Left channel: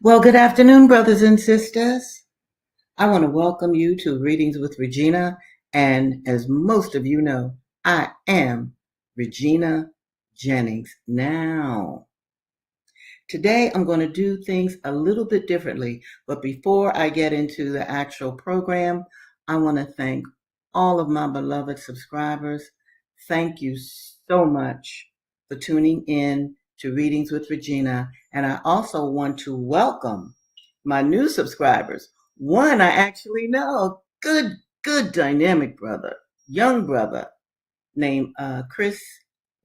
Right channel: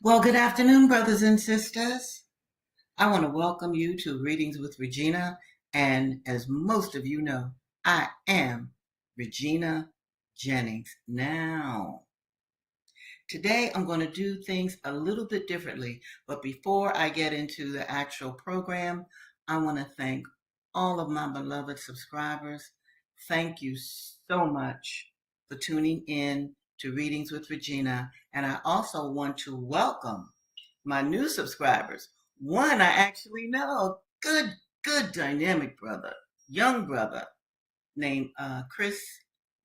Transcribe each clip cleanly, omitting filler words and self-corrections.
Well, good afternoon, brothers and sisters. I want to welcome you to Readings with Regina. And as most of you know, I am Regina Jennings. Now, today I'm going to do things a little bit differently. But before I get into the actual program, I want to thank all of my beloved subscribers. Thank you so much for tuning in to Readings with Regina. And I also want to welcome my new subscribers. One I actually know, good dynamic brother, young brother named Chris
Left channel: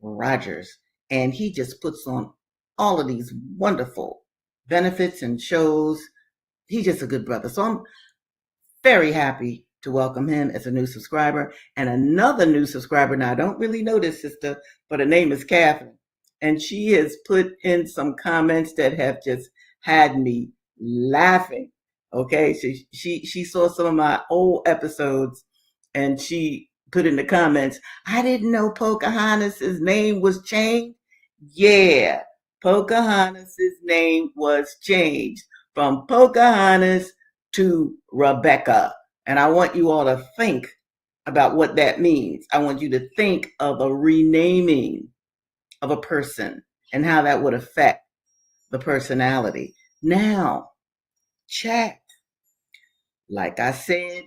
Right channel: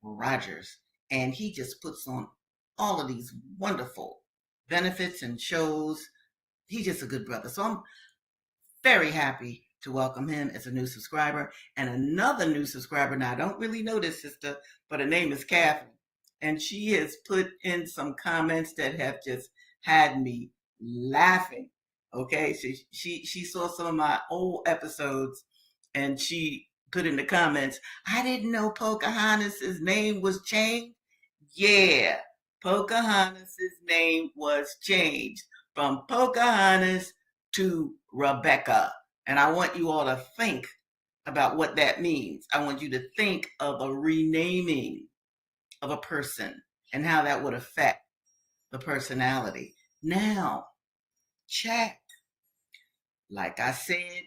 Rogers. And he just puts on all of these wonderful benefits and shows. He's just a good brother. So I'm very happy to welcome him as a new subscriber. And another new subscriber, now I don't really know this sister, but her name is Catherine. And she has put in some comments that have just had me laughing. Okay, she saw some of my old episodes and she put in the comments, I didn't know Pocahontas's name was changed. Yeah, Pocahontas's name was changed from Pocahontas to Rebecca. And I want you all to think about what that means. I want you to think of a renaming of a person and how that would affect the personality. Now, chat. Like I said,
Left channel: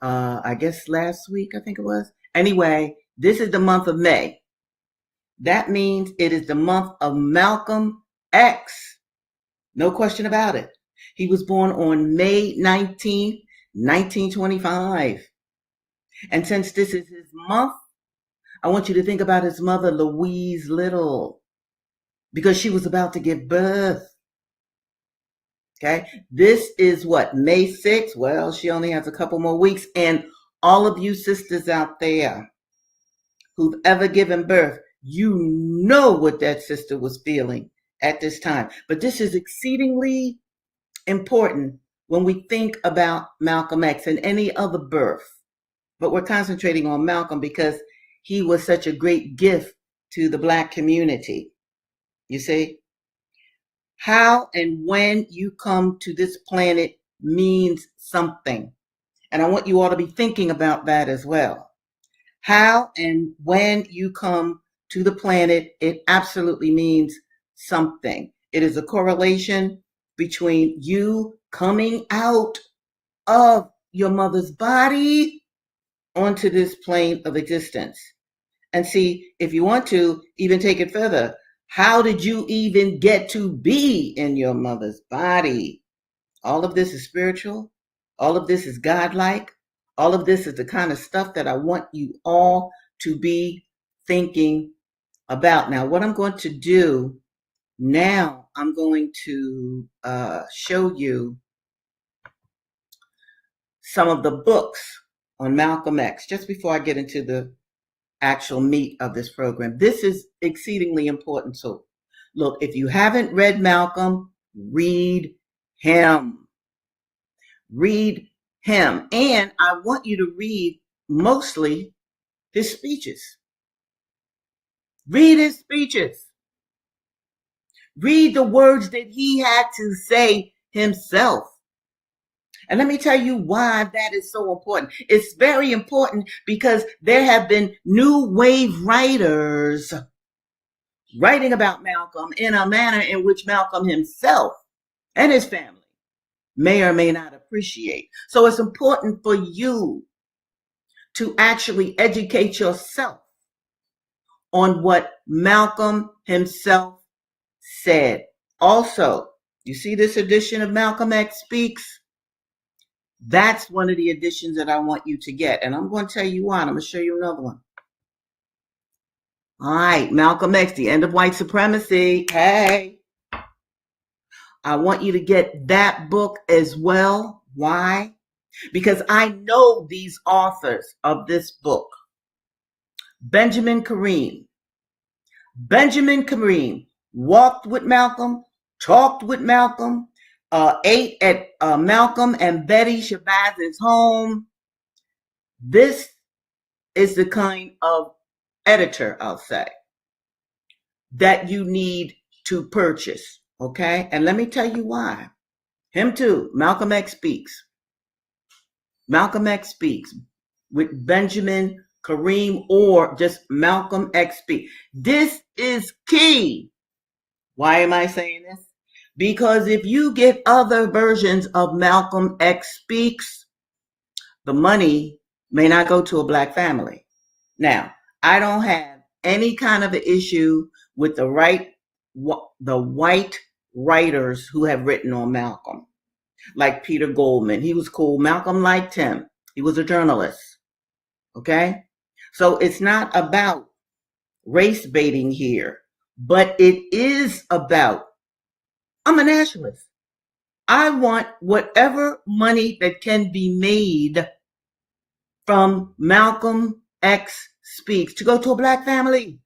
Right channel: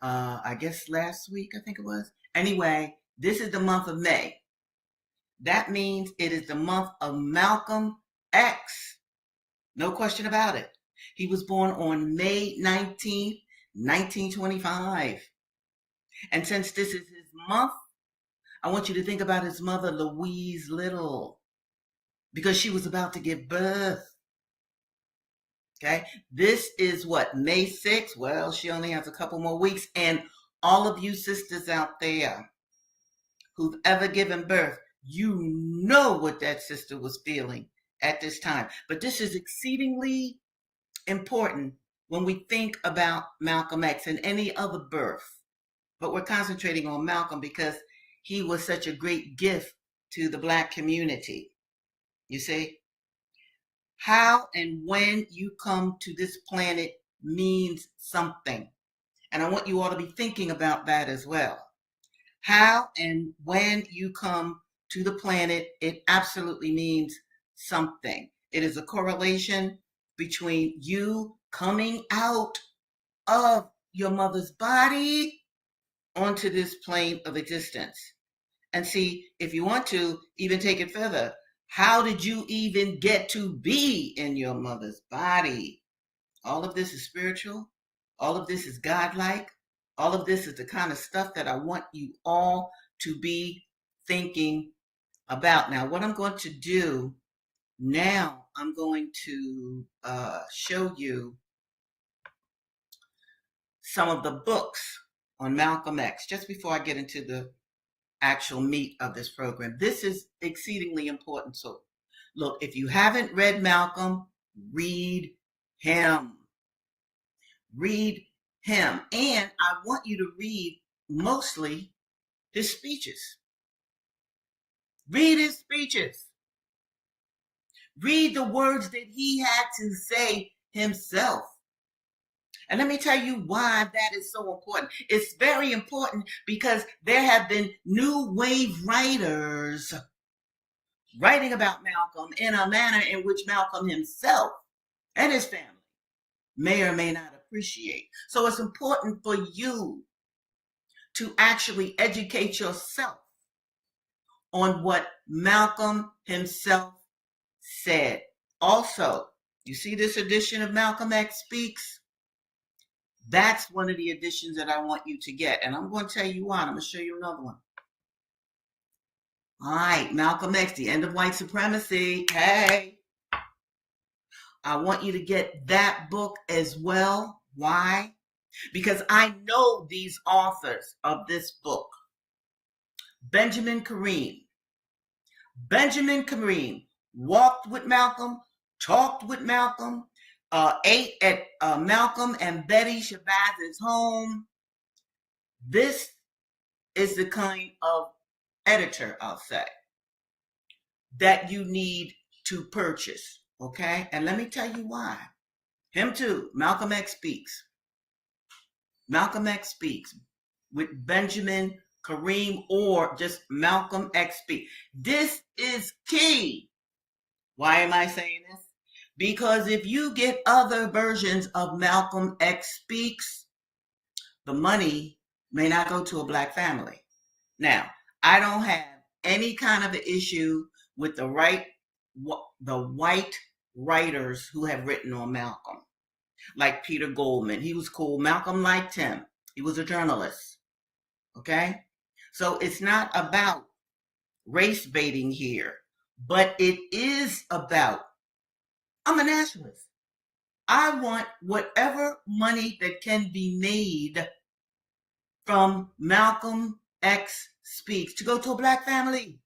I guess last week, I think it was. Anyway, this is the month of May. That means it is the month of Malcolm X. No question about it. He was born on May 19th, 1925. And since this is his month, I want you to think about his mother, Louise Little, because she was about to give birth. Okay. This is what, May 6th? Well, she only has a couple more weeks. And all of you sisters out there who've ever given birth, you know what that sister was feeling at this time. But this is exceedingly important when we think about Malcolm X and any other birth. But we're concentrating on Malcolm because he was such a great gift to the Black community. You see, how and when you come to this planet means something. And I want you all to be thinking about that as well. How and when you come to the planet, it absolutely means something. It is a correlation between you coming out of your mother's body onto this plane of existence. And see, if you want to even take it further, how did you even get to be in your mother's body? All of this is spiritual. All of this is godlike. All of this is the kind of stuff that I want you all to be thinking about. Now, what I'm going to do now, I'm going to show you some of the books on Malcolm X just before I get into the actual meat of this program. This is exceedingly important. So, look, if you haven't read Malcolm, read him. Read him. And I want you to read mostly his speeches. Read his speeches. Read the words that he had to say himself. And let me tell you why that is so important. It's very important because there have been new wave writers writing about Malcolm in a manner in which Malcolm himself and his family may or may not appreciate. So it's important for you to actually educate yourself on what Malcolm himself said. Also, you see this edition of Malcolm X Speaks? That's one of the editions that I want you to get. And I'm going to tell you why. I'm going to show you another one. All right, Malcolm X, The End of White Supremacy. Hey, I want you to get that book as well. Why? Because I know these authors of this book. Benjamin Kareem. Benjamin Kareem walked with Malcolm, talked with Malcolm, ate at Malcolm and Betty Shabazz's home. This is the kind of editor, I'll say, that you need to purchase. Okay? And let me tell you why. Him too. Malcolm X speaks. Malcolm X speaks with Benjamin Kareem or just Malcolm X speak. This is key. Why am I saying this? Because if you get other versions of Malcolm X speaks, the money may not go to a black family. Now, I don't have any kind of an issue with the white writers who have written on Malcolm, like Peter Goldman. He was cool. Malcolm liked him. He was a journalist. Okay? So it's not about race baiting here, but it is about, I'm a nationalist. I want whatever money that can be made from Malcolm X Speaks to go to a black family.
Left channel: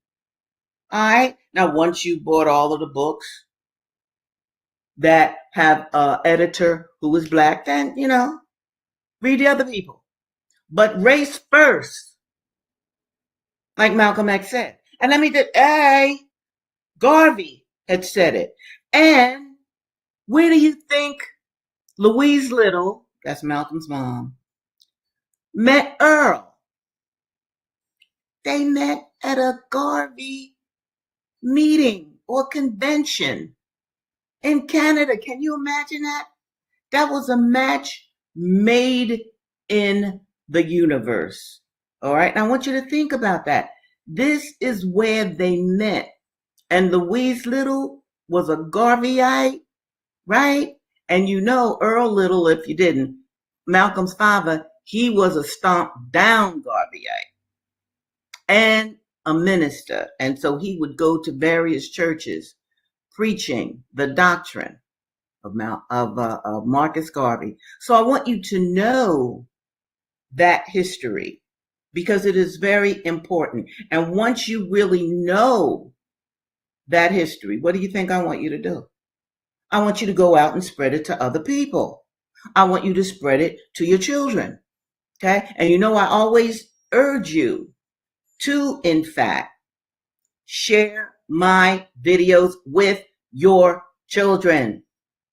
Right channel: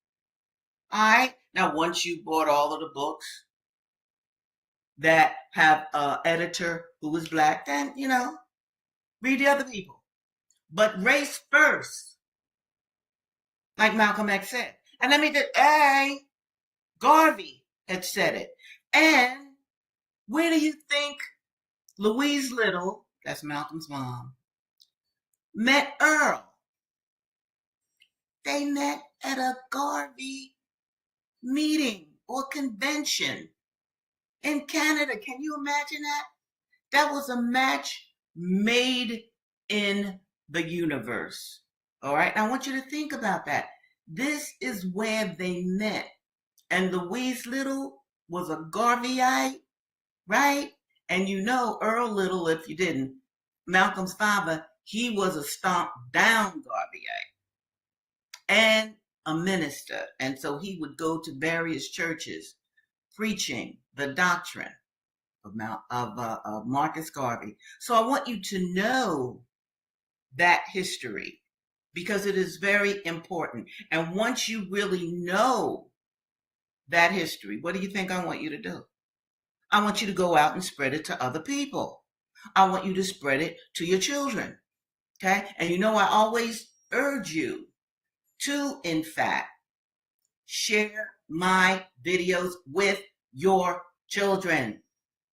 All right. Now, once you bought all of the books that have an editor who is black, then, read the other people. But race first, like Malcolm X said. And let me just, Garvey had said it. And where do you think Louise Little, that's Malcolm's mom, met Earl? They met at a Garvey meeting or convention in Canada. Can you imagine that? That was a match made in the universe. All right. Now I want you to think about that. This is where they met. And Louise Little was a Garveyite, right? And Earl Little, if you didn't, Malcolm's father, he was a stomped down Garveyite and a minister. And so he would go to various churches preaching the doctrine of Marcus Garvey. So I want you to know that history because it is very important. And once you really know that history, what do you think I want you to do? I want you to go out and spread it to other people. I want you to spread it to your children. Okay. And I always urge you to, in fact, share my videos with your children.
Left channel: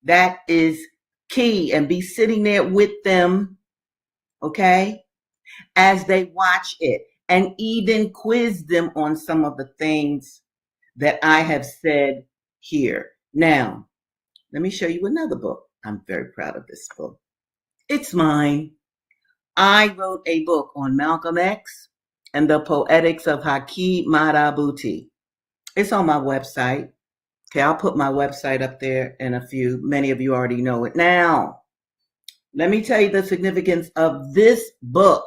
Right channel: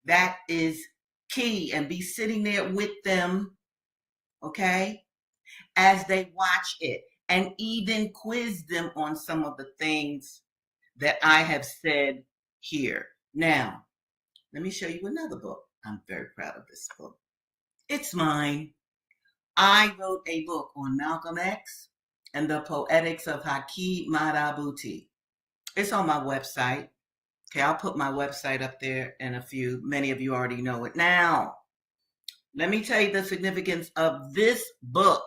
That is key. And be sitting there with them, okay, as they watch it, and even quiz them on some of the things that I have said here. Now, let me show you another book. I'm very proud of this book. It's mine. I wrote a book on Malcolm X and the Poetics of Haki Madhubuti. It's on my website. Okay, I'll put my website up there in a few. Many of you already know it. Now, let me tell you the significance of this book.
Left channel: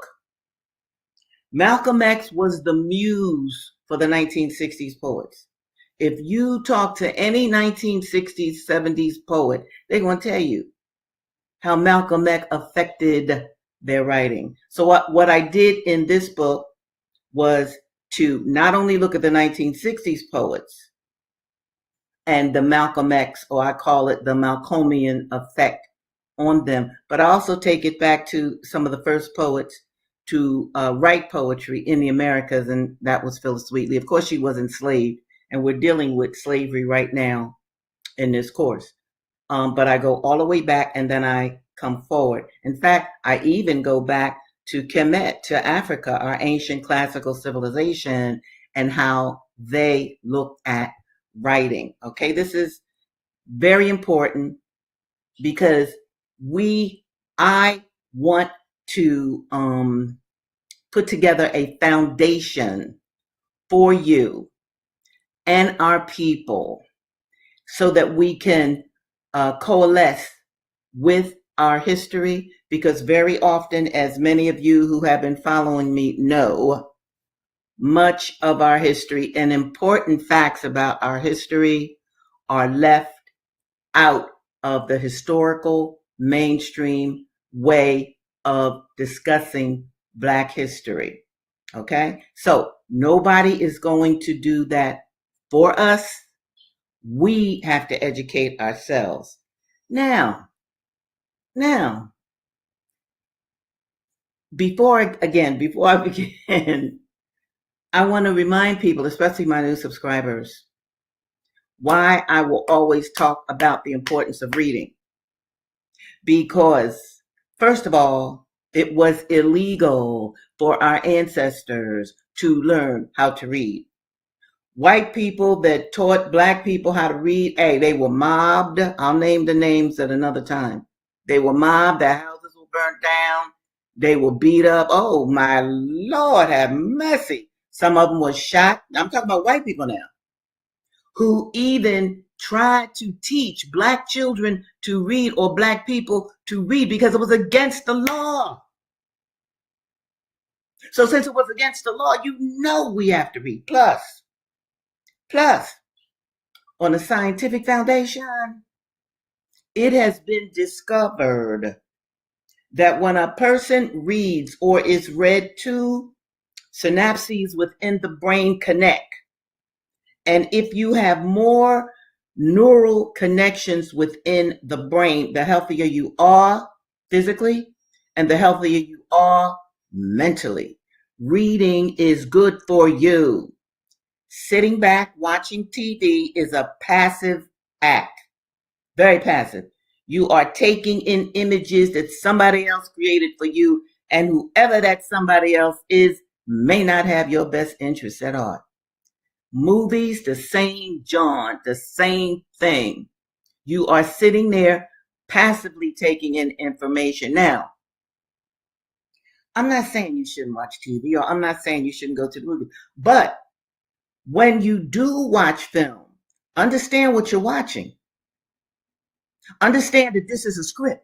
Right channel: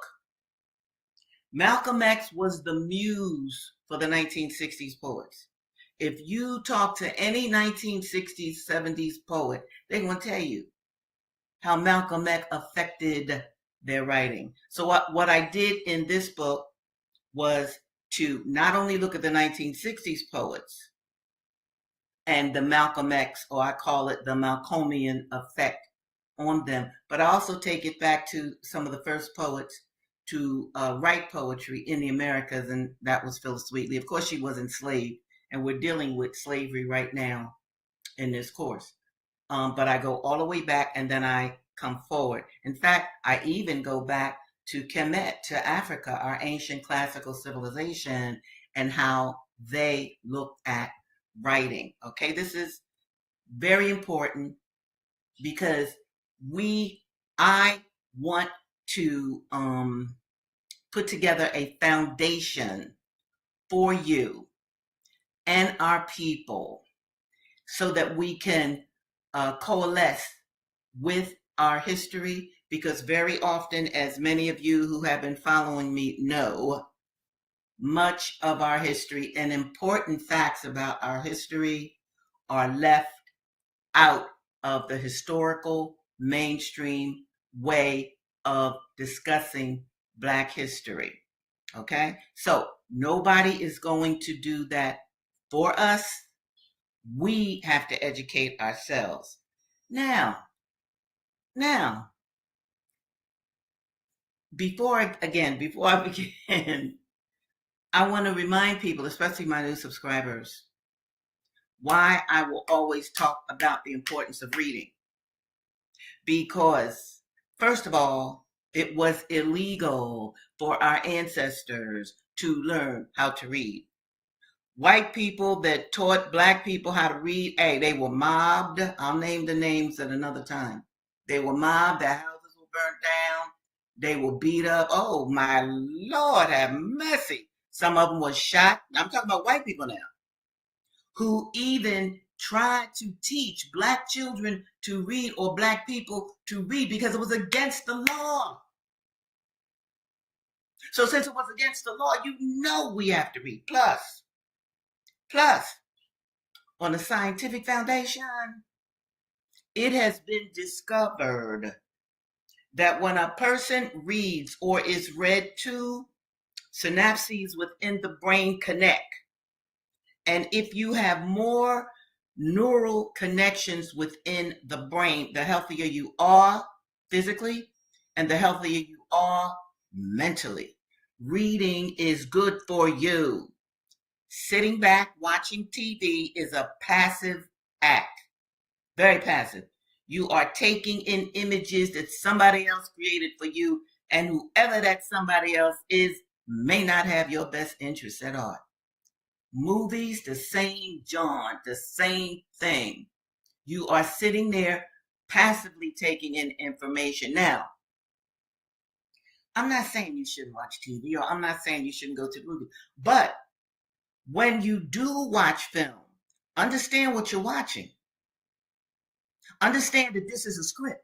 Malcolm X was the muse for the 1960s poets. If you talk to any 1960s, 70s poet, they're going to tell you how Malcolm X affected their writing. So what I did in this book was to not only look at the 1960s poets and the Malcolm X, or I call it the Malcolmian effect on them, but I also take it back to some of the first poets to write poetry in the Americas, and that was Phyllis Wheatley. Of course, she was enslaved, and we're dealing with slavery right now in this course. But I go all the way back, and then I come forward. In fact, I even go back to Kemet, to Africa, our ancient classical civilization, and how they looked at writing. Okay, this is very important because I want to put together a foundation for you and our people so that we can coalesce with our history, because very often, as many of you who have been following me know, much of our history and important facts about our history are left out of the historical mainstream way of discussing Black history. Okay? So nobody is going to do that for us. We have to educate ourselves. Now, before I begin, I want to remind people, especially my new subscribers, why I will always talk about the importance of reading. Because, first of all, it was illegal for our ancestors to learn how to read. White people that taught black people how to read, hey, they were mobbed. I'll name the names at another time. They were mobbed, their houses were burnt down, they were beat up. Oh my Lord, have mercy. Some of them were shot. I'm talking about white people now, who even tried to teach black children to read or black people to read because it was against the law. So since it was against the law, you know we have to read. Plus, on a scientific foundation, it has been discovered that when a person reads or is read to, synapses within the brain connect. And if you have more neural connections within the brain, the healthier you are physically and the healthier you are mentally. Reading is good for you. Sitting back watching TV is a passive act, very passive. You are taking in images that somebody else created for you, and whoever that somebody else is may not have your best interests at heart. Movies, the same John, the same thing. You are sitting there passively taking in information. Now, I'm not saying you shouldn't watch TV, or I'm not saying you shouldn't go to the movie, but when you do watch film, understand what you're watching. Understand that this is a script.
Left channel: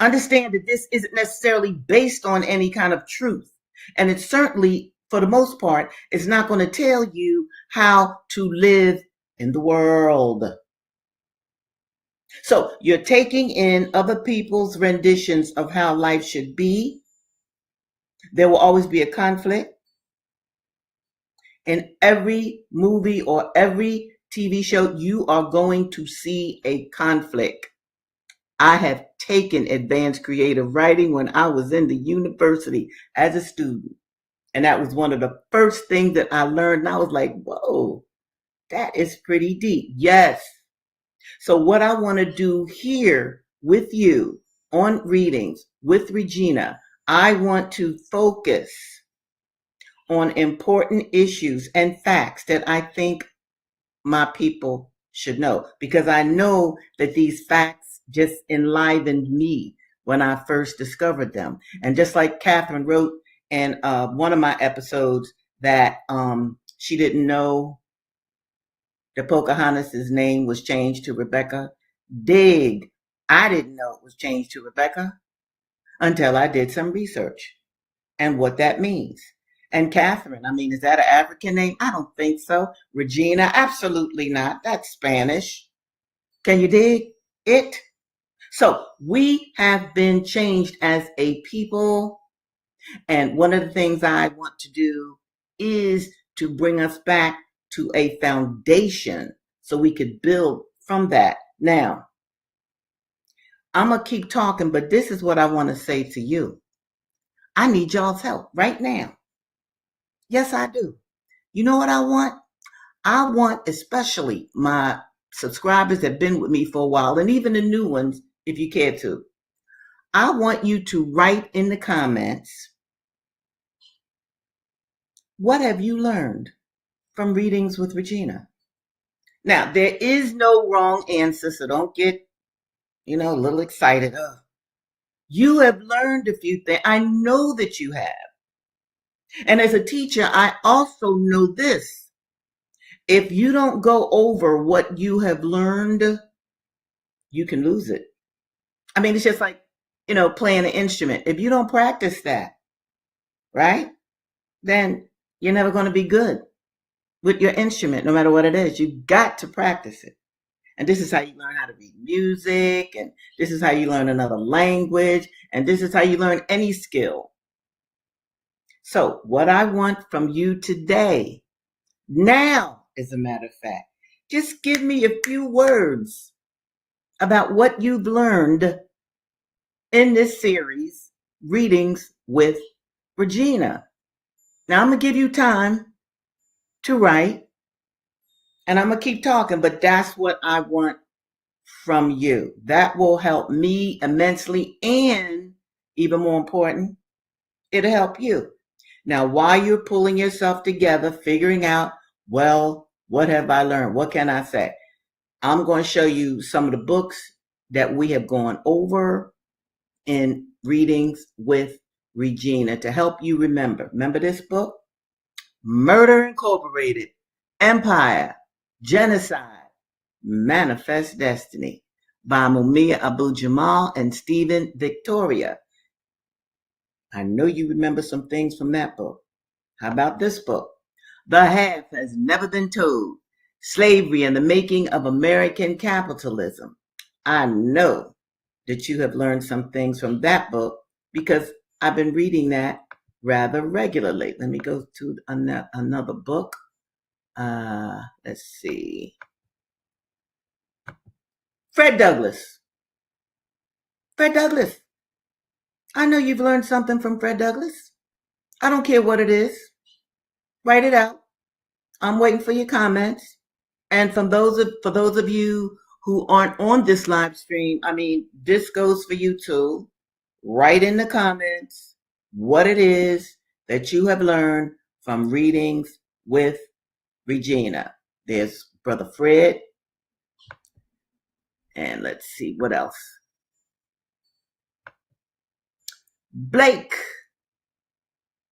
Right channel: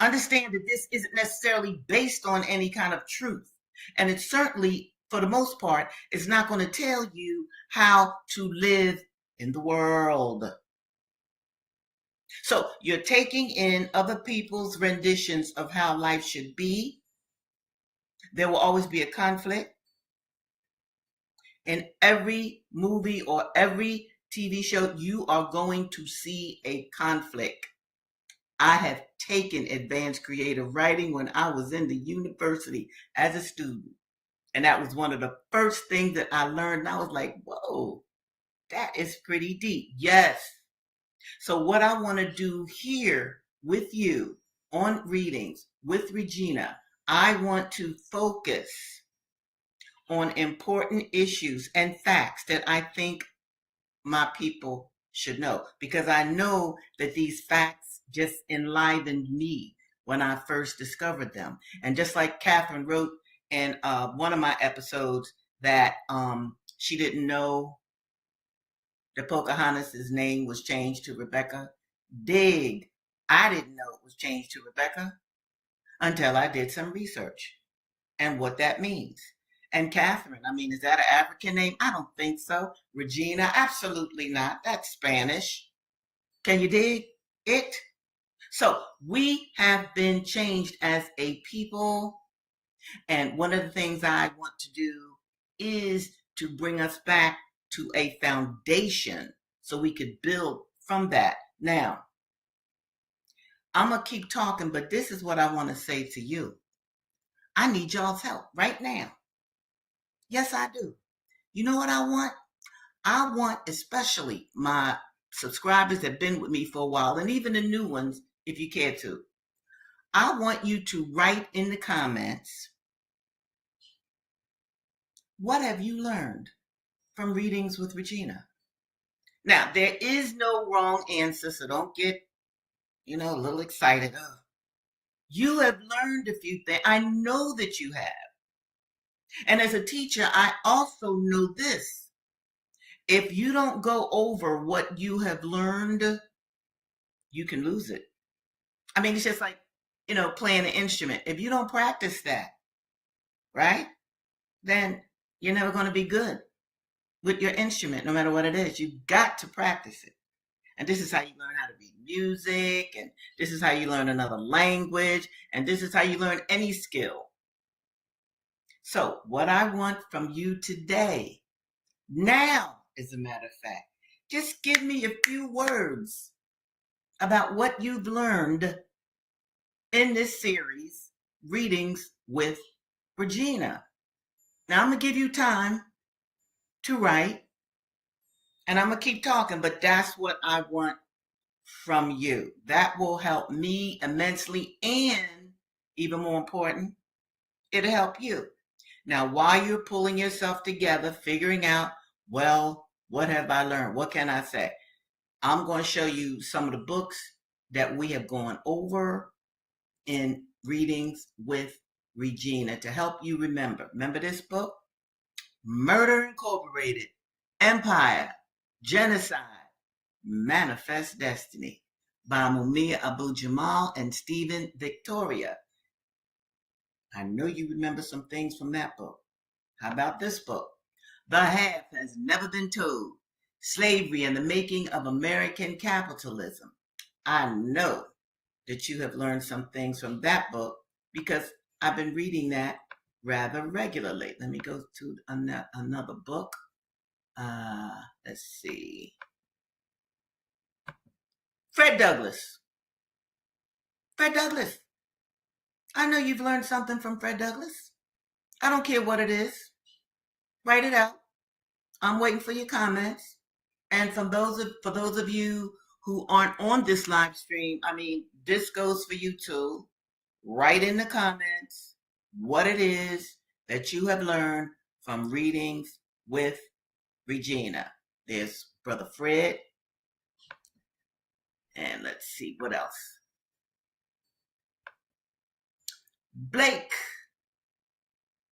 Understand that this isn't necessarily based on any kind of truth. And it certainly, for the most part, is not going to tell you how to live in the world. So you're taking in other people's renditions of how life should be. There will always be a conflict. In every movie or every TV show, you are going to see a conflict. I have taken advanced creative writing when I was in the university as a student. And that was one of the first things that I learned. And I was like, whoa, that is pretty deep. Yes. So what I want to do here with you on readings with Regina, I want to focus on important issues and facts that I think my people should know, because I know that these facts just enlivened me when I first discovered them. And just like Catherine wrote in one of my episodes that she didn't know that Pocahontas' name was changed to Rebecca. Dig. I didn't know it was changed to Rebecca until I did some research and what that means. And Catherine, I mean, is that an African name? I don't think so. Regina, absolutely not. That's Spanish. Can you dig it? So we have been changed as a people. And one of the things I want to do is to bring us back to a foundation so we could build from that. Now, I'm going to keep talking, but this is what I want to say to you. I need y'all's help right now. Yes, I do. You know what I want? I want especially my subscribers that have been with me for a while, and even the new ones, if you care to. I want you to write in the comments, what have you learned from Readings with Regina? Now, there is no wrong answer, so don't get, a little excited. You have learned a few things. I know that you have. And as a teacher, I also know this. If you don't go over what you have learned, you can lose it. I mean, it's just like, playing an instrument. If you don't practice that, right, then you're never going to be good with your instrument, no matter what it is. You've got to practice it. And this is how you learn how to read music, and this is how you learn another language, and this is how you learn any skill. So what I want from you today, now, as a matter of fact, just give me a few words about what you've learned in this series, Readings with Regina. Now I'm going to give you time to write. And I'm going to keep talking, but that's what I want from you. That will help me immensely. And even more important, it'll help you. Now, while you're pulling yourself together, figuring out, well, what have I learned? What can I say? I'm going to show you some of the books that we have gone over in readings with Regina to help you remember. Remember this book? Murder Incorporated, Empire, Genocide, Manifest Destiny by Mumia Abu-Jamal and Stephen Victoria. I know you remember some things from that book. How about this book? The Half Has Never Been Told, Slavery and the Making of American Capitalism. I know that you have learned some things from that book because I've been reading that rather regularly. Let me go to another book. Let's see. Fred Douglass. Fred Douglass. I know you've learned something from Fred Douglass. I don't care what it is. Write it out. I'm waiting for your comments. And for those of you who aren't on this live stream, I mean, this goes for you too. Write in the comments what it is that you have learned from readings with Regina. There's Brother Fred. And let's see what else. Blake,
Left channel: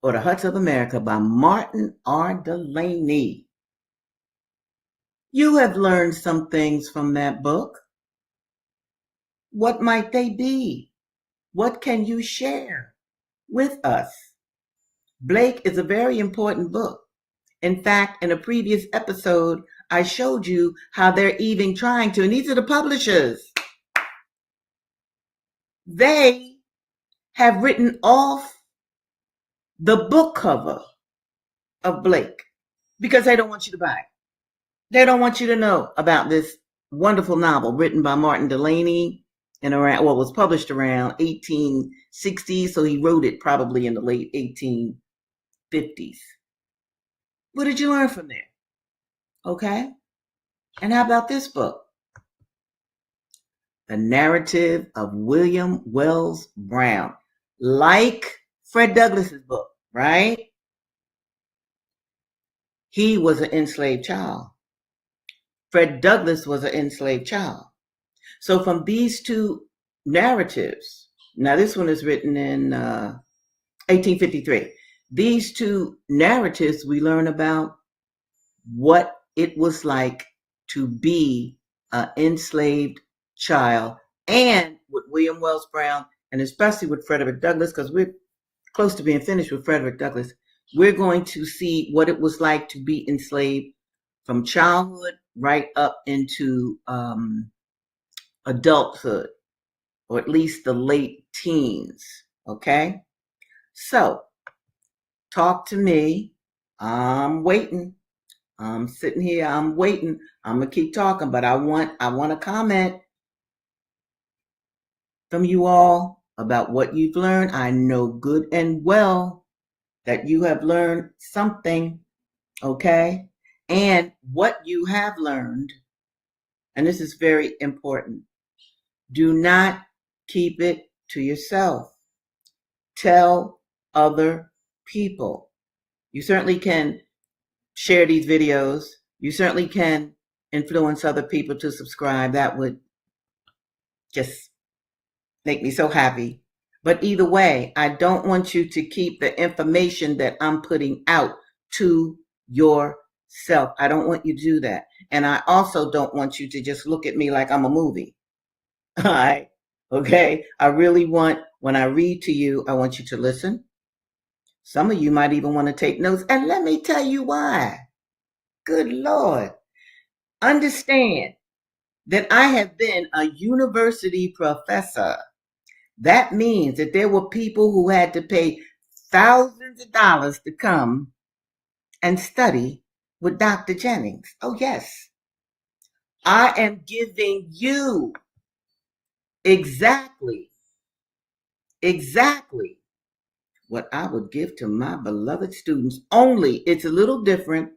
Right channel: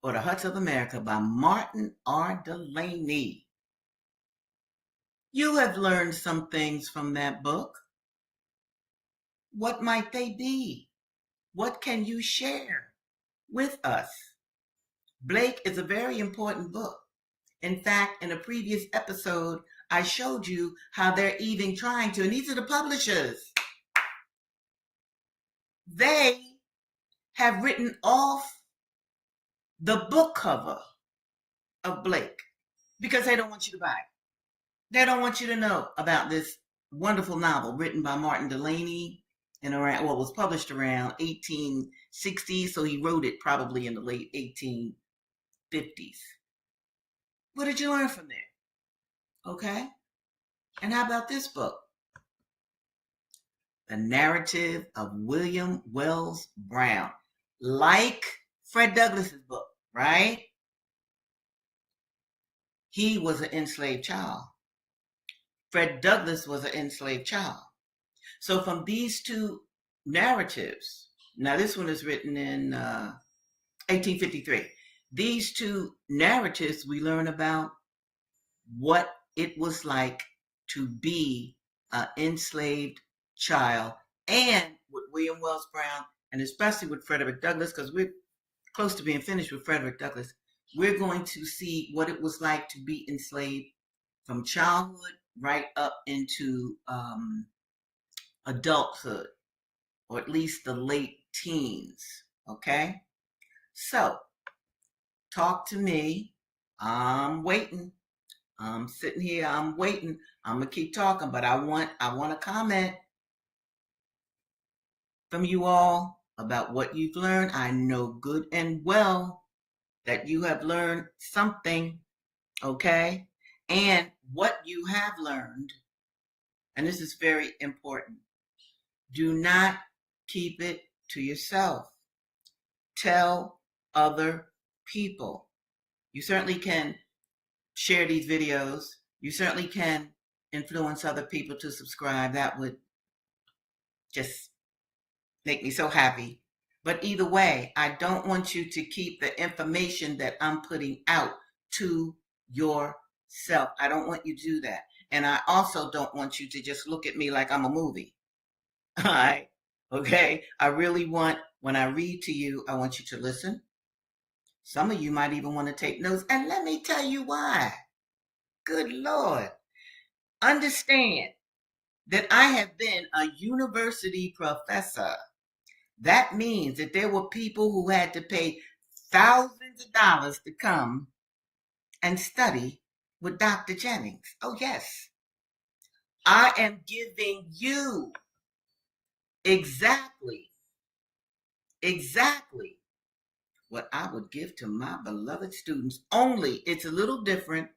or The Huts of America by Martin R. Delaney. You have learned some things from that book. What might they be? What can you share with us? Blake is a very important book. In fact, in a previous episode, I showed you how they're even trying to, and these are the publishers. They have written off the book cover of Blake because they don't want you to buy it. They don't want you to know about this wonderful novel written by Martin Delaney and around, well, it was published around 1860, so he wrote it probably in the late 1850s. What did you learn from there? Okay. And how about this book? The Narrative of William Wells Brown. Like Fred Douglass's book, right? He was an enslaved child. Fred Douglass was an enslaved child. So from these two narratives, now this one is written in 1853. These two narratives, we learn about what it was like to be an enslaved child, and with William Wells Brown, and especially with Frederick Douglass, because we're close to being finished with Frederick Douglass, we're going to see what it was like to be enslaved from childhood right up into adulthood, or at least the late teens. Okay? So, talk to me. I'm waiting. I'm sitting here, I'm waiting. I'm gonna keep talking, but I want a comment from you all about what you've learned. I know good and well that you have learned something, okay? And what you have learned, and this is very important, do not keep it to yourself. Tell other people. You certainly can share these videos. You certainly can influence other people to subscribe. That would just make me so happy. But either way, I don't want you to keep the information that I'm putting out to yourself. I don't want you to do that. And I also don't want you to just look at me like I'm a movie. All right. Okay. I really want, when I read to you, I want you to listen. Some of you might even want to take notes. And let me tell you why. Good Lord. Understand that I have been a university professor. That means that there were people who had to pay thousands of dollars to come and study with Dr. Jennings. Oh, yes. I am giving you exactly what I would give to my beloved students. Only it's a little different.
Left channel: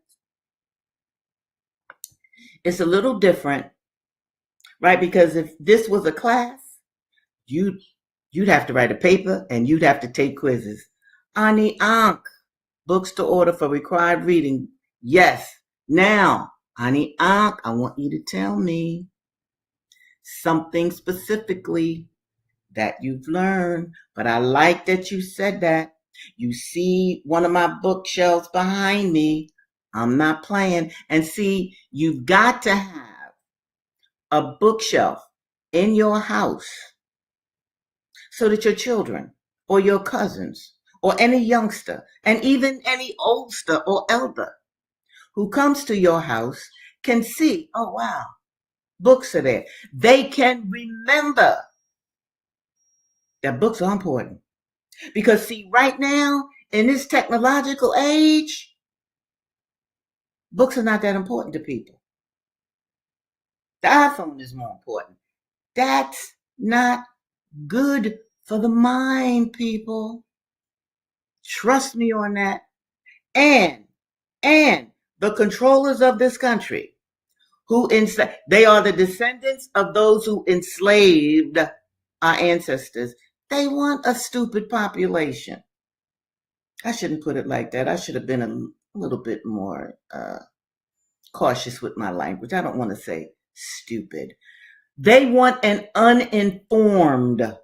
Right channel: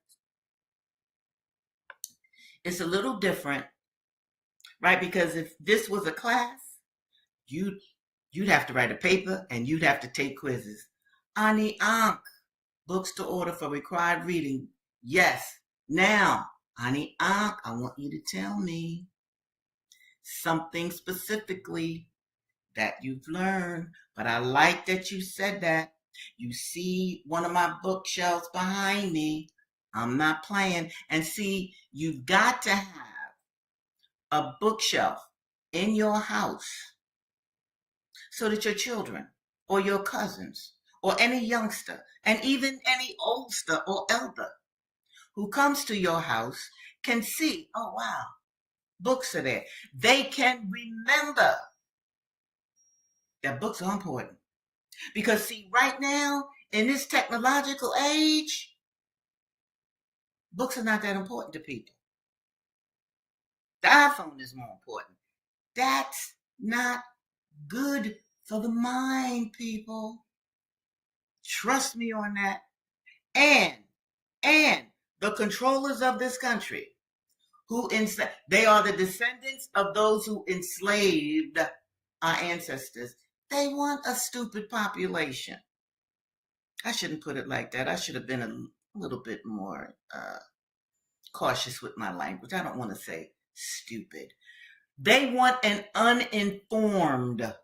It's a little different, right? Because if this was a class, you'd you'd have to write a paper and you'd have to take quizzes. Ani Ankh, books to order for required reading. Yes. Now, Ani Ankh, I want you to tell me something specifically that you've learned. But I like that you said that. You see one of my bookshelves behind me. I'm not playing. And see, you've got to have a bookshelf in your house so that your children or your cousins or any youngster and even any oldster or elder who comes to your house can see, oh wow, books are there. They can remember that books are important. Because see, right now, in this technological age, books are not that important to people. The iPhone is more important. That's not good for the mind, people. Trust me on that. And and the controllers of this country they are the descendants of those who enslaved our ancestors. They want a stupid population. I shouldn't put it like that. I should have been a little bit more cautious with my language. I don't want to say stupid. They want an uninformed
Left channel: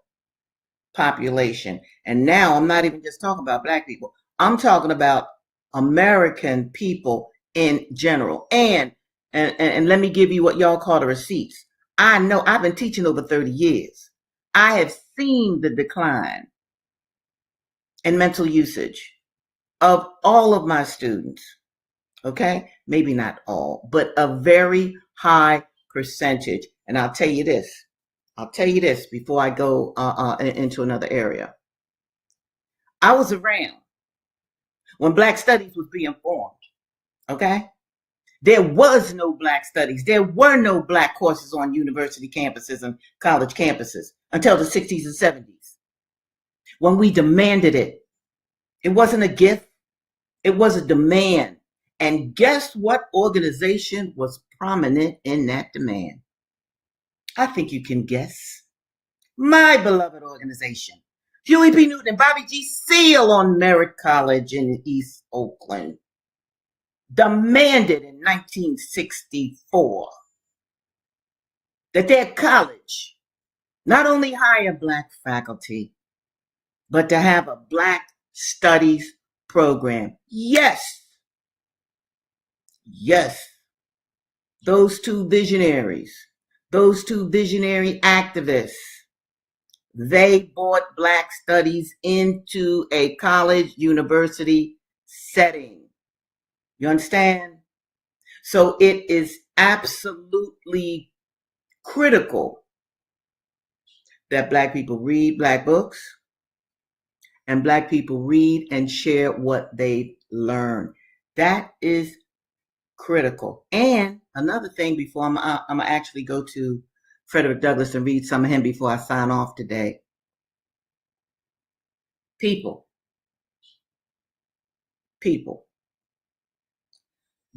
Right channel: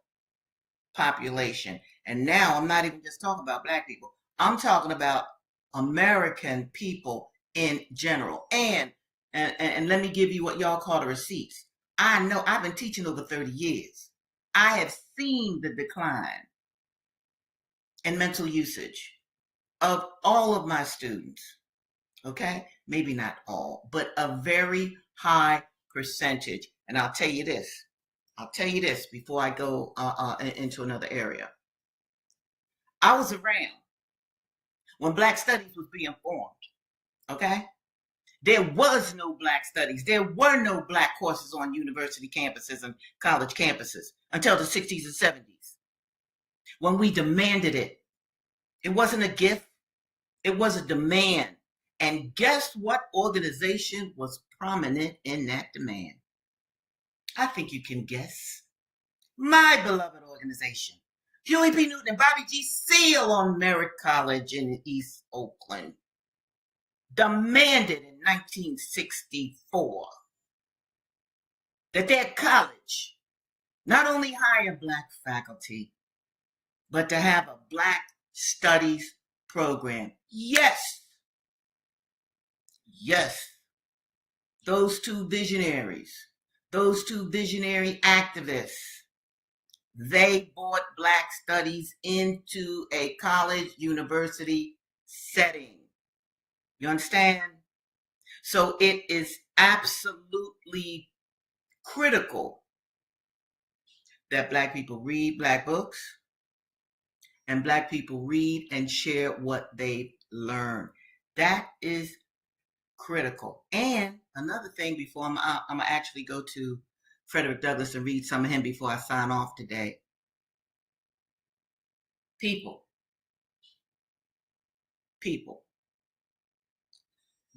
population. And now I'm not even just talking about black people. I'm talking about American people in general. And let me give you what y'all call the receipts. I know I've been teaching over 30 years. I have seen the decline in mental usage of all of my students. Okay? Maybe not all, but a very high percentage. And I'll tell you this. I'll tell you this before I go into another area. I was around when Black Studies was being formed. Okay? There was no Black Studies. There were no Black courses on university campuses and college campuses until the 60s and 70s when we demanded it. It wasn't a gift, it was a demand. And guess what organization was prominent in that demand? I think you can guess. My beloved organization. Huey P. Newton and Bobby G. Seale on Merritt College in East Oakland demanded in 1964 that their college not only hire Black faculty, but to have a Black studies program. Yes, yes, those two visionaries, those two visionary activists, they brought Black studies into a college university setting. You understand? So it is absolutely critical that Black people read Black books and Black people read and share what they've learned. That is critical. And another thing before I'm going to actually go to Frederick Douglass and read some of him before I sign off today. People,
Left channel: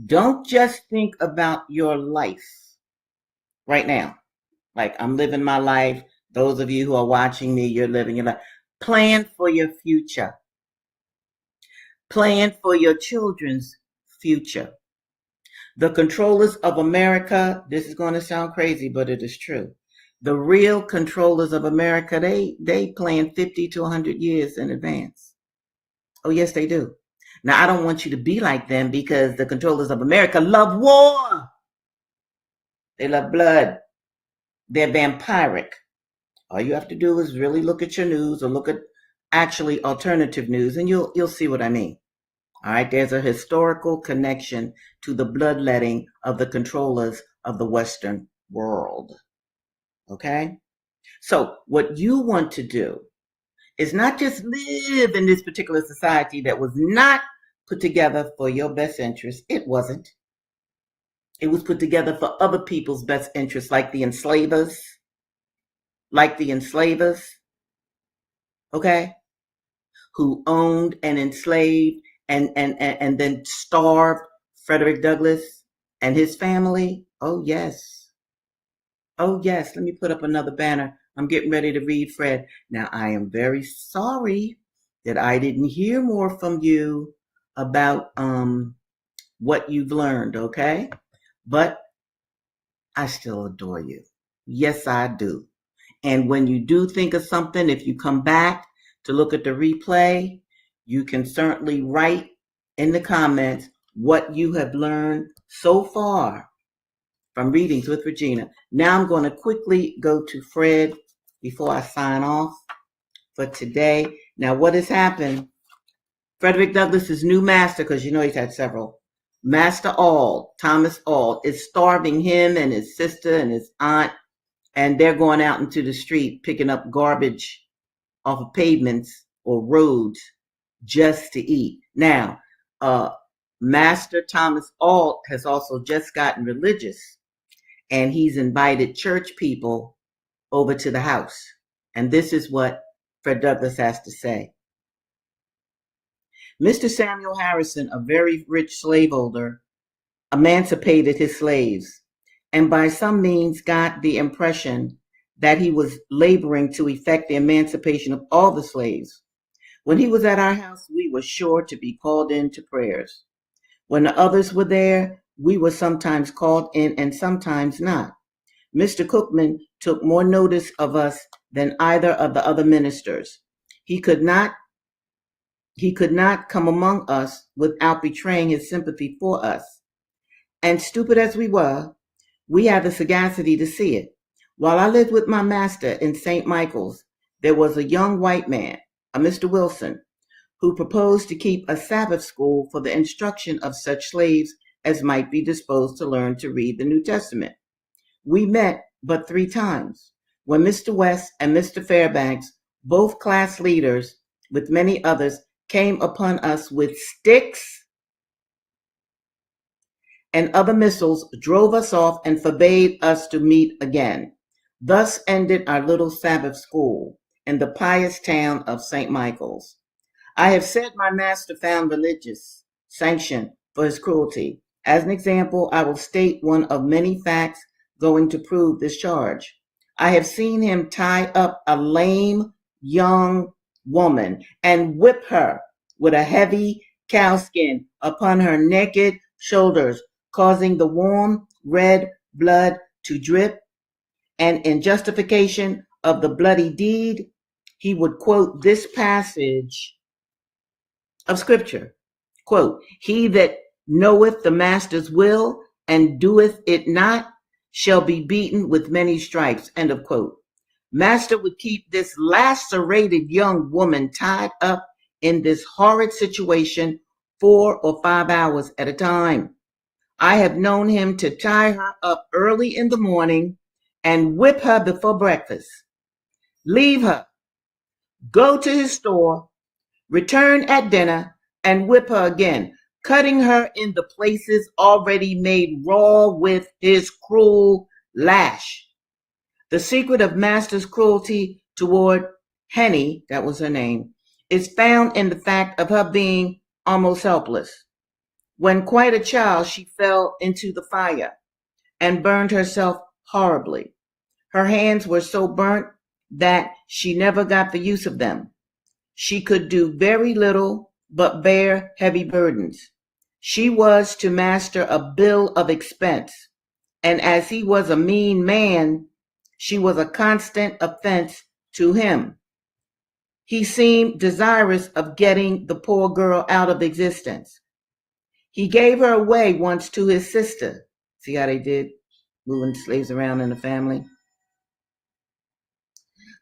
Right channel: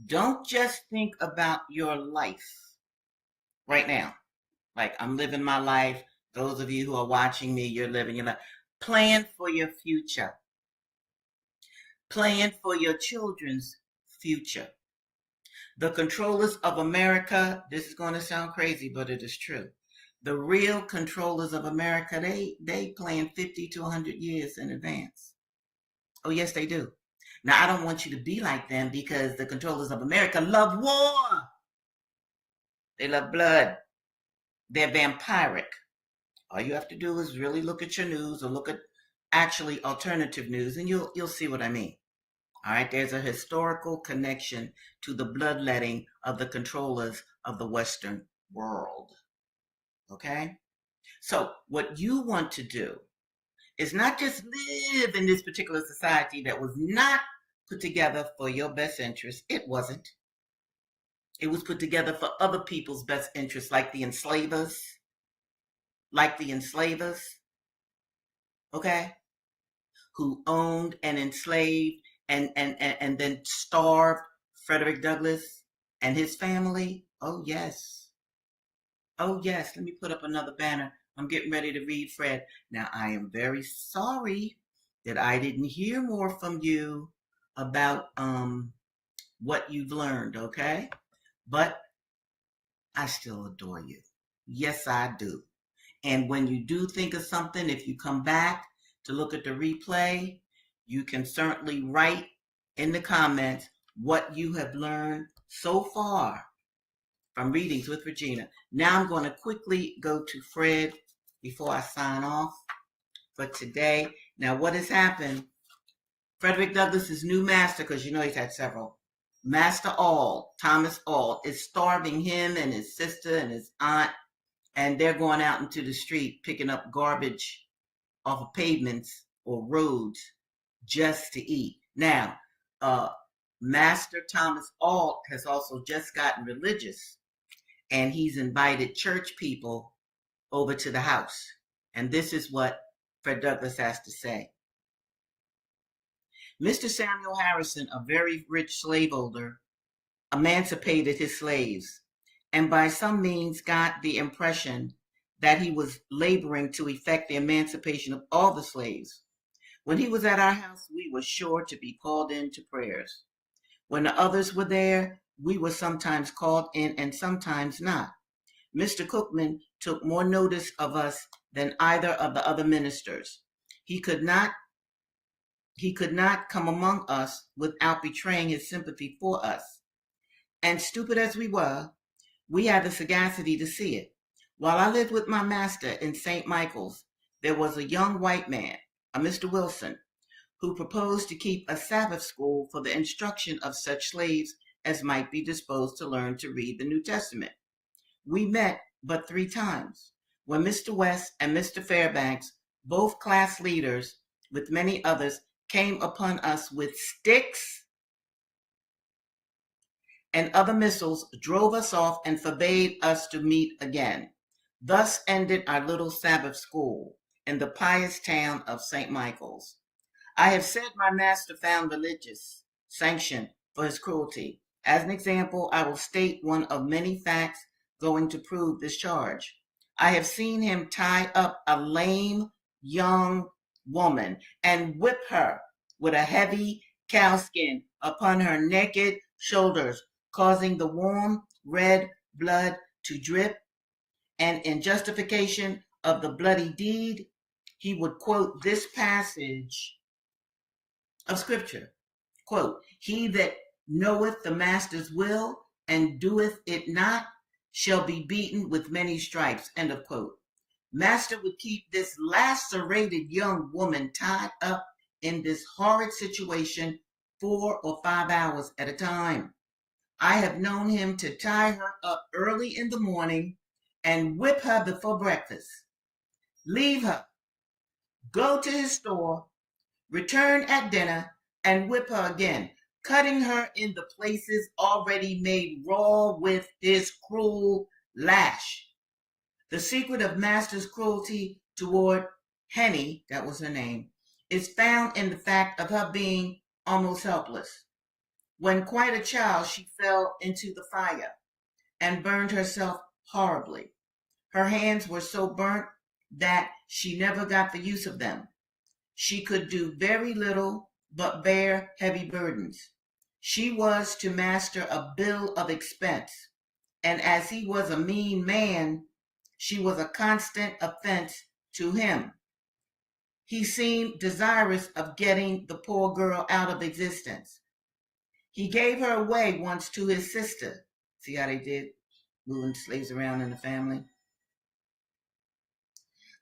don't just think about your life right now. Like I'm living my life. Those of you who are watching me, you're living your life. Plan for your future. Plan for your children's future. The controllers of America, this is going to sound crazy, but it is true. The real controllers of America, they plan 50 to 100 years in advance. Oh, yes, they do. Now, I don't want you to be like them because the controllers of America love war. They love blood. They're vampiric. All you have to do is really look at your news or look at actually alternative news and you'll see what I mean. All right, there's a historical connection to the bloodletting of the controllers of the Western world. Okay? So, what you want to do is not just live in this particular society that was not put together for your best interest. It wasn't. It was put together for other people's best interests, like the enslavers. Okay? Who owned and enslaved and then starved Frederick Douglass And his family, oh yes. Oh yes, let me put up another banner. I'm getting ready to read Fred. Now, I am very sorry that I didn't hear more from you about what you've learned, okay? But I still adore you. Yes, I do. And when you do think of something, if you come back to look at the replay, you can certainly write in the comments what you have learned so far from Readings with Regina. Now I'm going to quickly go to Fred before I sign off for today. Now, what has happened? Frederick Douglass's new master, because you know he's had several, Master Auld, Thomas Auld, is starving him and his sister and his aunt, and they're going out into the street picking up garbage off of pavements or roads just to eat. Now, Master Thomas Auld has also just gotten religious, and he's invited church people over to the house. And this is what Fred Douglass has to say. Mr. Samuel Harrison, a very rich slaveholder, emancipated his slaves, and by some means got the impression that he was laboring to effect the emancipation of all the slaves. When he was at our house, we were sure to be called in to prayers. When the others were there, we were sometimes called in and sometimes not. Mr. Cookman took more notice of us than either of the other ministers. He could not come among us without betraying his sympathy for us. And stupid as we were, we had the sagacity to see it. While I lived with my master in St. Michael's, there was a young white man, a Mr. Wilson, who proposed to keep a Sabbath school for the instruction of such slaves as might be disposed to learn to read the New Testament. We met but 3 times, when Mr. West and Mr. Fairbanks, both class leaders, with many others, came upon us with sticks and other missiles, drove us off, and forbade us to meet again. Thus ended our little Sabbath school in the pious town of St. Michael's. I have said my master found religious sanction for his cruelty. As an example, I will state one of many facts going to prove this charge. I have seen him tie up a lame young woman and whip her with a heavy cowskin upon her naked shoulders, causing the warm red blood to drip. And in justification of the bloody deed, he would quote this passage of Scripture. Quote, "He that knoweth the master's will and doeth it not shall be beaten with many stripes." End of quote. Master would keep this lacerated young woman tied up in this horrid situation 4 or 5 hours at a time. I have known him to tie her up early in the morning and whip her before breakfast, leave her, go to his store, return at dinner, and whip her again, cutting her in the places already made raw with his cruel lash. The secret of master's cruelty toward Henny, that was her name, is found in the fact of her being almost helpless. When quite a child, she fell into the fire and burned herself horribly. Her hands were so burnt that she never got the use of them. She could do very little but bear heavy burdens. She was to master a bill of expense, and as he was a mean man, she was a constant offense to him. He seemed desirous of getting the poor girl out of existence. He gave her away once to his sister. See how they did, moving slaves around in the family?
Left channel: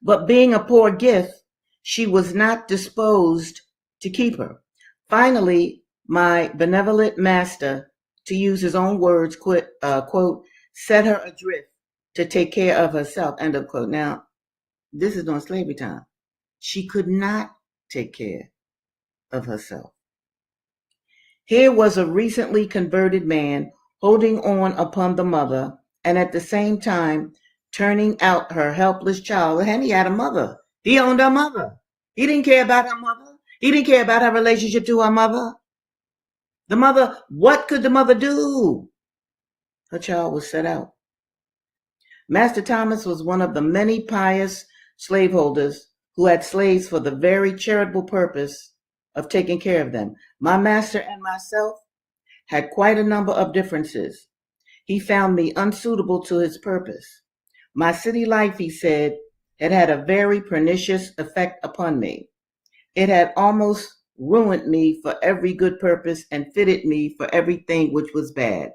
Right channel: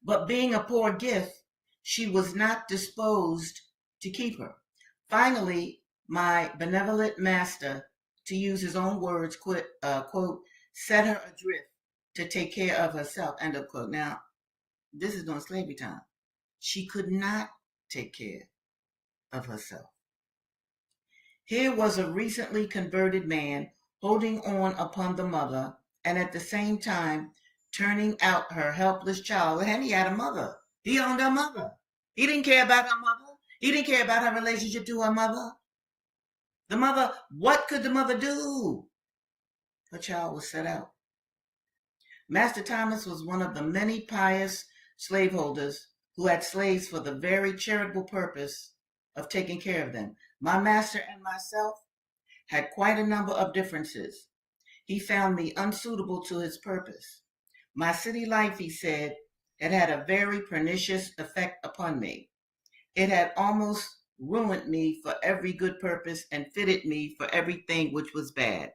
But being a poor gift, she was not disposed to keep her. Finally, my benevolent master, to use his own words, quote, set her adrift to take care of herself, end of quote. Now, this is during slavery time. She could not take care of herself. Here was a recently converted man holding on upon the mother and at the same time turning out her helpless child. And he had a mother. He owned her mother. He didn't care about her mother. He didn't care about her relationship to her mother. The mother, what could the mother do? her child was set out. Master Thomas was one of the many pious slaveholders who had slaves for the very charitable purpose of taking care of them. My master and myself had quite a number of differences. He found me unsuitable to his purpose. My city life, he said, had had a very pernicious effect upon me. It had almost ruined me for every good purpose and fitted me for everything which was bad.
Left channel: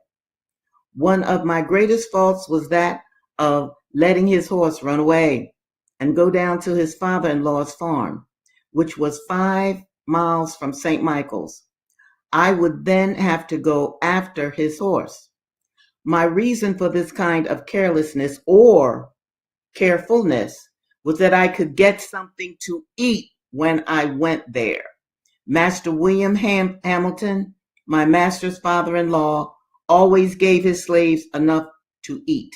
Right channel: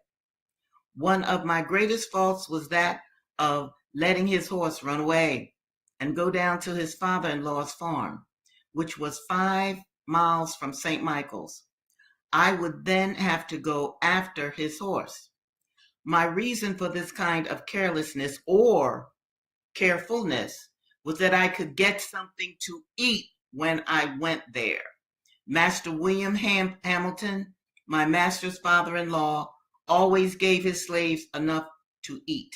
One of my greatest faults was that of letting his horse run away and go down to his father-in-law's farm, which was 5 miles from St. Michael's. I would then have to go after his horse. My reason for this kind of carelessness or carefulness was that I could get something to eat when I went there. Master William Hamilton, my master's father-in-law, always gave his slaves enough to eat.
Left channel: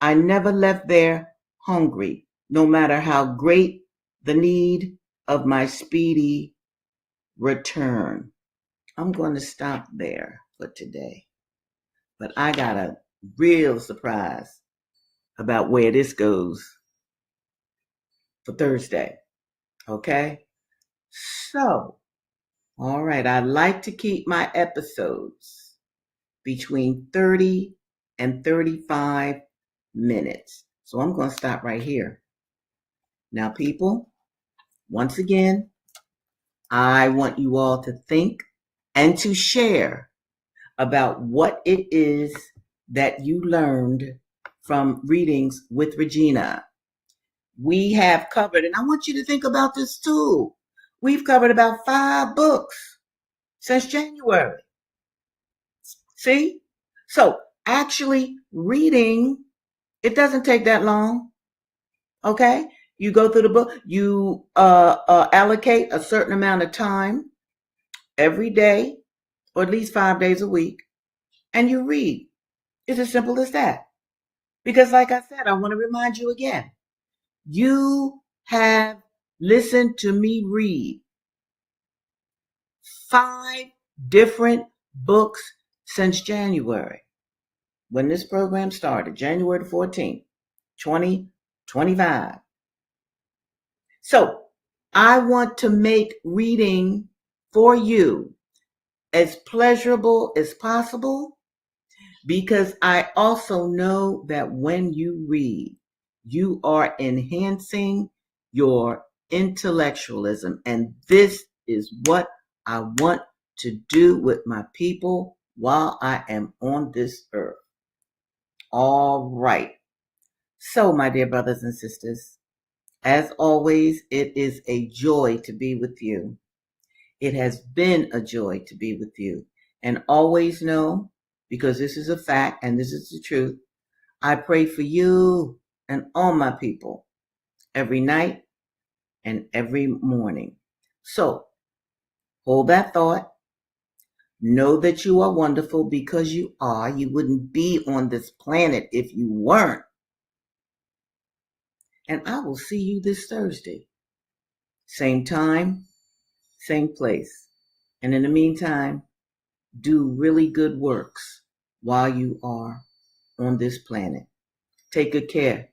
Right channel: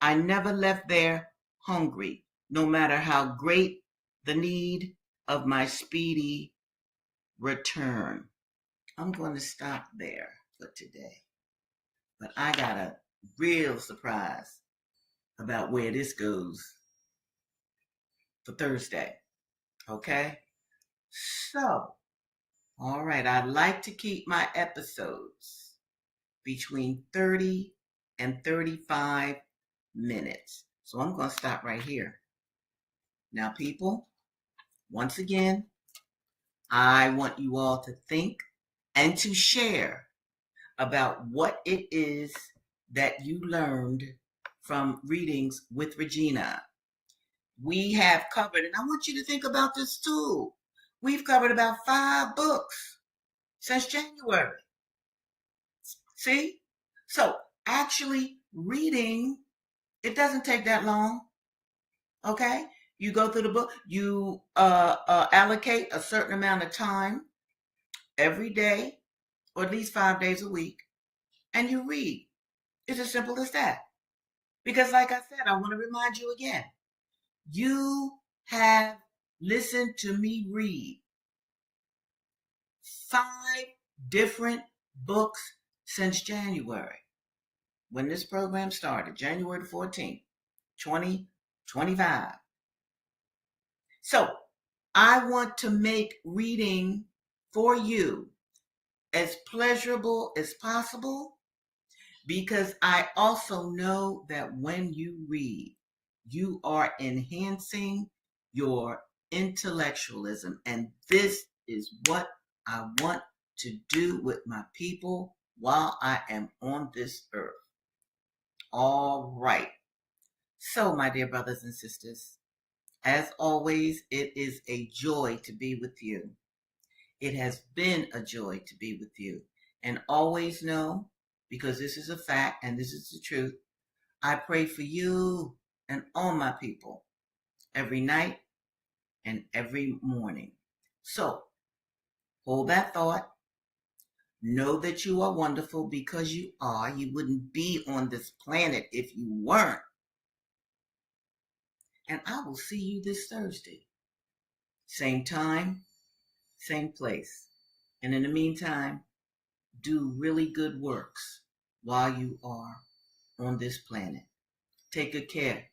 I never left there hungry, no matter how great the need of my speedy return. I'm going to stop there for today. But I got a real surprise about where this goes for Thursday. Okay? So, all right, I like to keep my episodes between 30 and 35 minutes. So I'm going to stop right here. Now, people, once again, I want you all to think and to share about what it is that you learned from Readings with Regina. We have covered, and I want you to think about this too. We've covered about 5 books since January. See? So actually reading, it doesn't take that long. Okay? You go through the book, you allocate a certain amount of time every day, or at least 5 days a week, and you read. It's as simple as that. Because like I said, I want to remind you again, you have listened to me read 5 different books since January, when this program started, January 14th, 2025. So I want to make reading for you as pleasurable as possible, because I also know that when you read, you are enhancing your intellectualism. And this is what I want to do with my people while I am on this earth. All right. So, my dear brothers and sisters, as always, it is a joy to be with you. It has been a joy to be with you. And always know, because this is a fact and this is the truth, I pray for you and all my people every night and every morning. So, hold that thought. Know that you are wonderful, because you are. You wouldn't be on this planet if you weren't. And I will see you this Thursday. Same time, same place. And in the meantime, do really good works while you are on this planet. Take good care.